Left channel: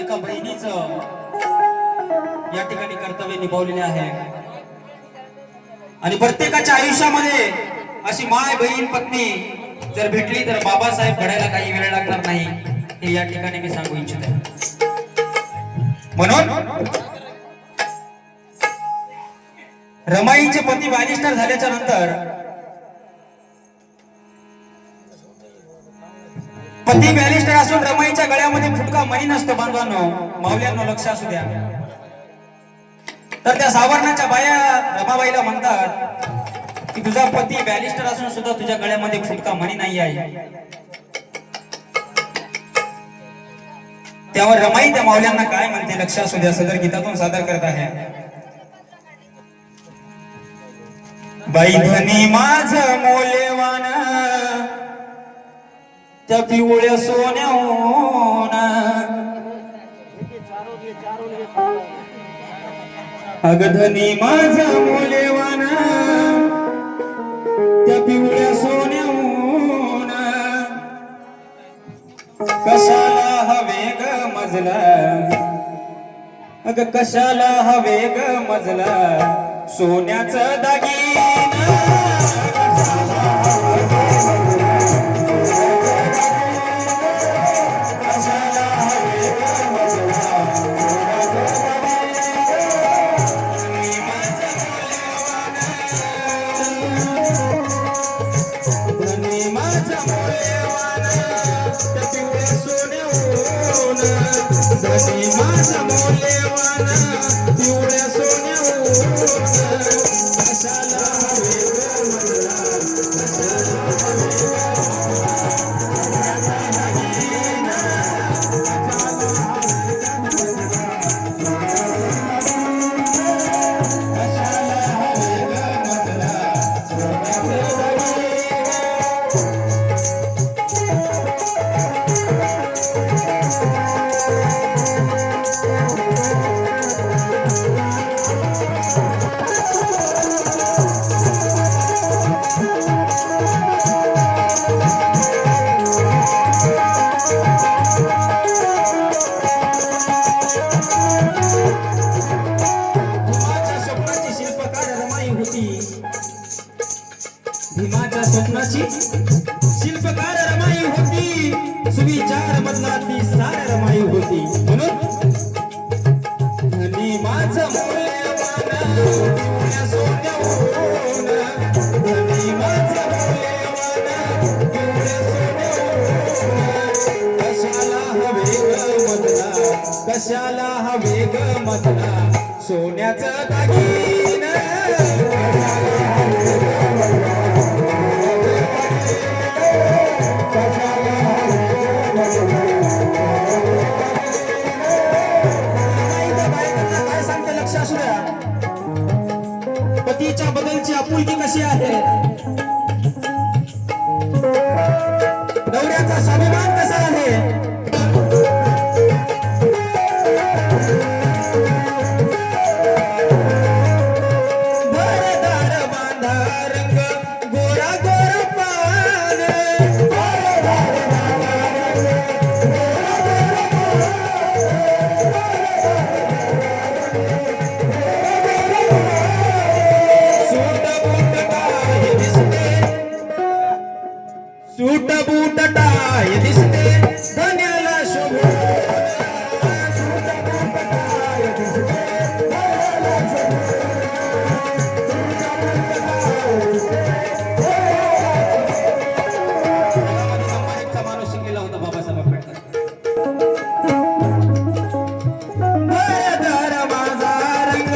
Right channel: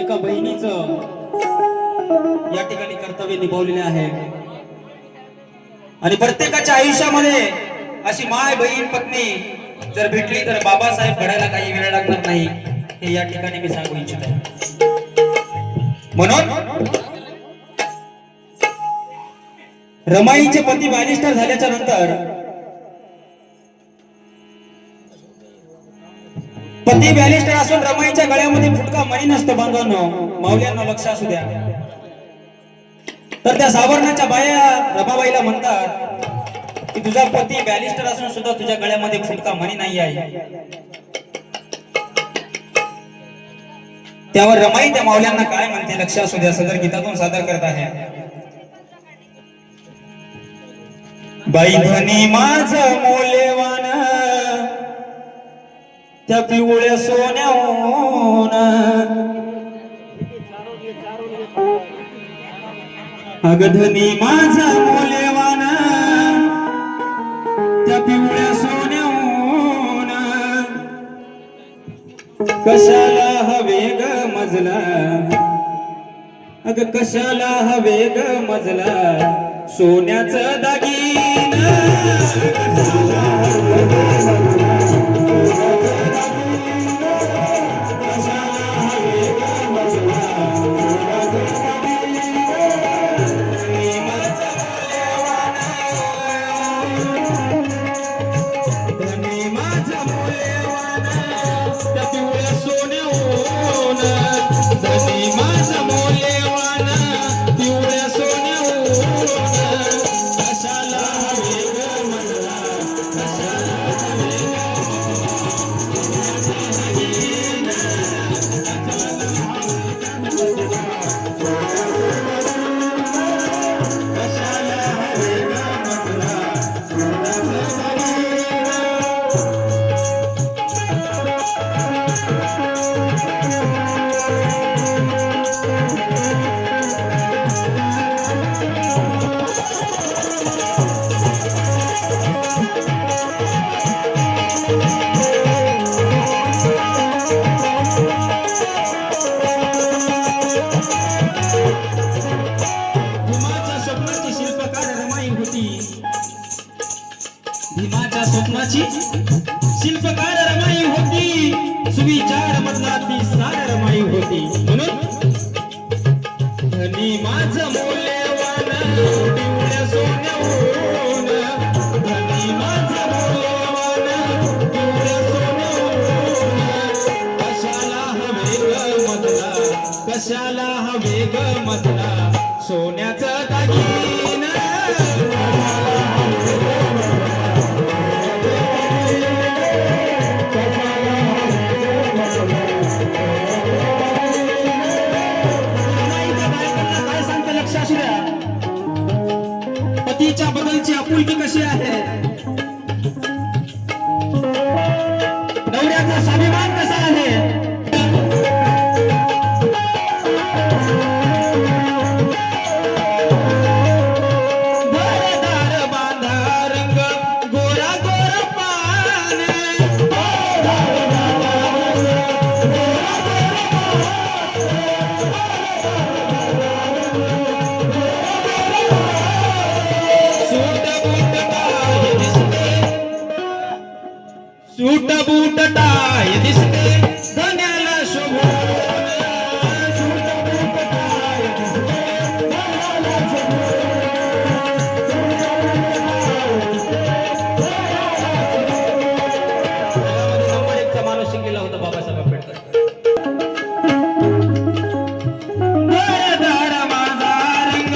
एका बहिणीचं या ठिकाणी कर्तव्य निभावलेले आहे आणि प्रत्येकाच्या आयुष्यामध्ये अशी माय बहीण पत्नी जर भेटली तर बाबासाहेब घडायला काही वेळ लागणार नाही, हे या ठिकाणी मी सांगू इच्छितो. म्हणून रमाईचे पती बॅरिस्टर झाल्याच्या नंतर पती बॅरिस्टर असून रमाईच्या गळ्यामध्ये फुटका मणी नसतो. बांधवांनो, मावल्यांनो, लक्ष असू द्या. तर त्या सावरणाच्या बाया रमाबाईला म्हणतात की तुझा पती बॅरिस्टर असून सुद्धा तुझ्या गळ्यामध्ये फुटका मणी नाही आहे. त्यावर रमाई त्या मावल्यांना काय म्हणते लक्ष असू द्या. सदर गीतातून सादर करत आहे. बाई धनी माझं मौल्यवान त्या पिवळ्या सोन्याहून, अग धनी माझा मौल्यवान त्या पिवळ्या सोन्याहून, कशाला हवे ग मजला, अग कशाला हवे ग मजला सोन्याचं दागीन. भीमाच्या स्वप्नाची शिल्पकार रमाई होती, सुविचार बदलाती सार रमाई होती. म्हणून धनी माझं मौल्यवान पिवळ्या सोन्याहून, धनी माझं मौल्यवान पिवळ्या सोन्याहून, कशाला हवे ग मधला, कशाला हवे ग मधला सोन्याचं दागीन. पतीच्या बदलची आपुलकी कशी आहे, नवऱ्याचा स्वाभिमान कसा आहे. दार बांधा रंग गोरा गोरा पाने, सूट बूट टाय दिसते धन्याला शोभून, सूट बूट टाय दिसते धन्याला शोभून, एक माणूस शिकलेला होता बाबासाहेब आंबेडकर. दार माझा रंग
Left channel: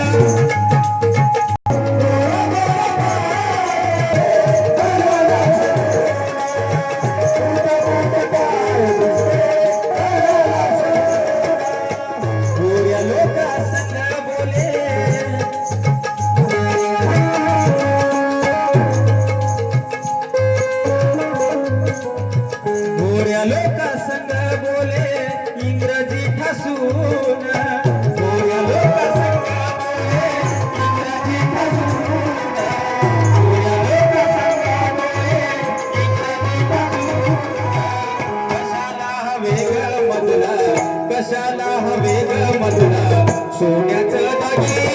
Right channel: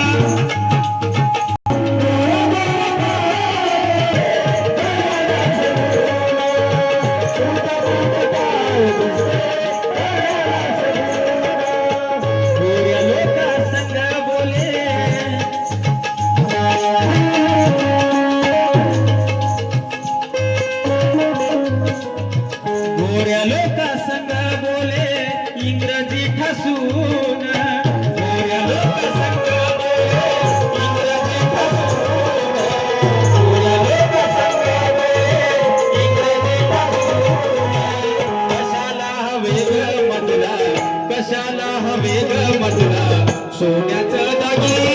लोका संग बोले इंग्रजी ठासून, गोऱ्या लोका संग बोले इंग्रजी ठासून, गोऱ्या लोका संग बोले इंग्रजी ठासून, कशाला हवे ग मधला, कशाला वेग मधुरा सोन्याचं दागिने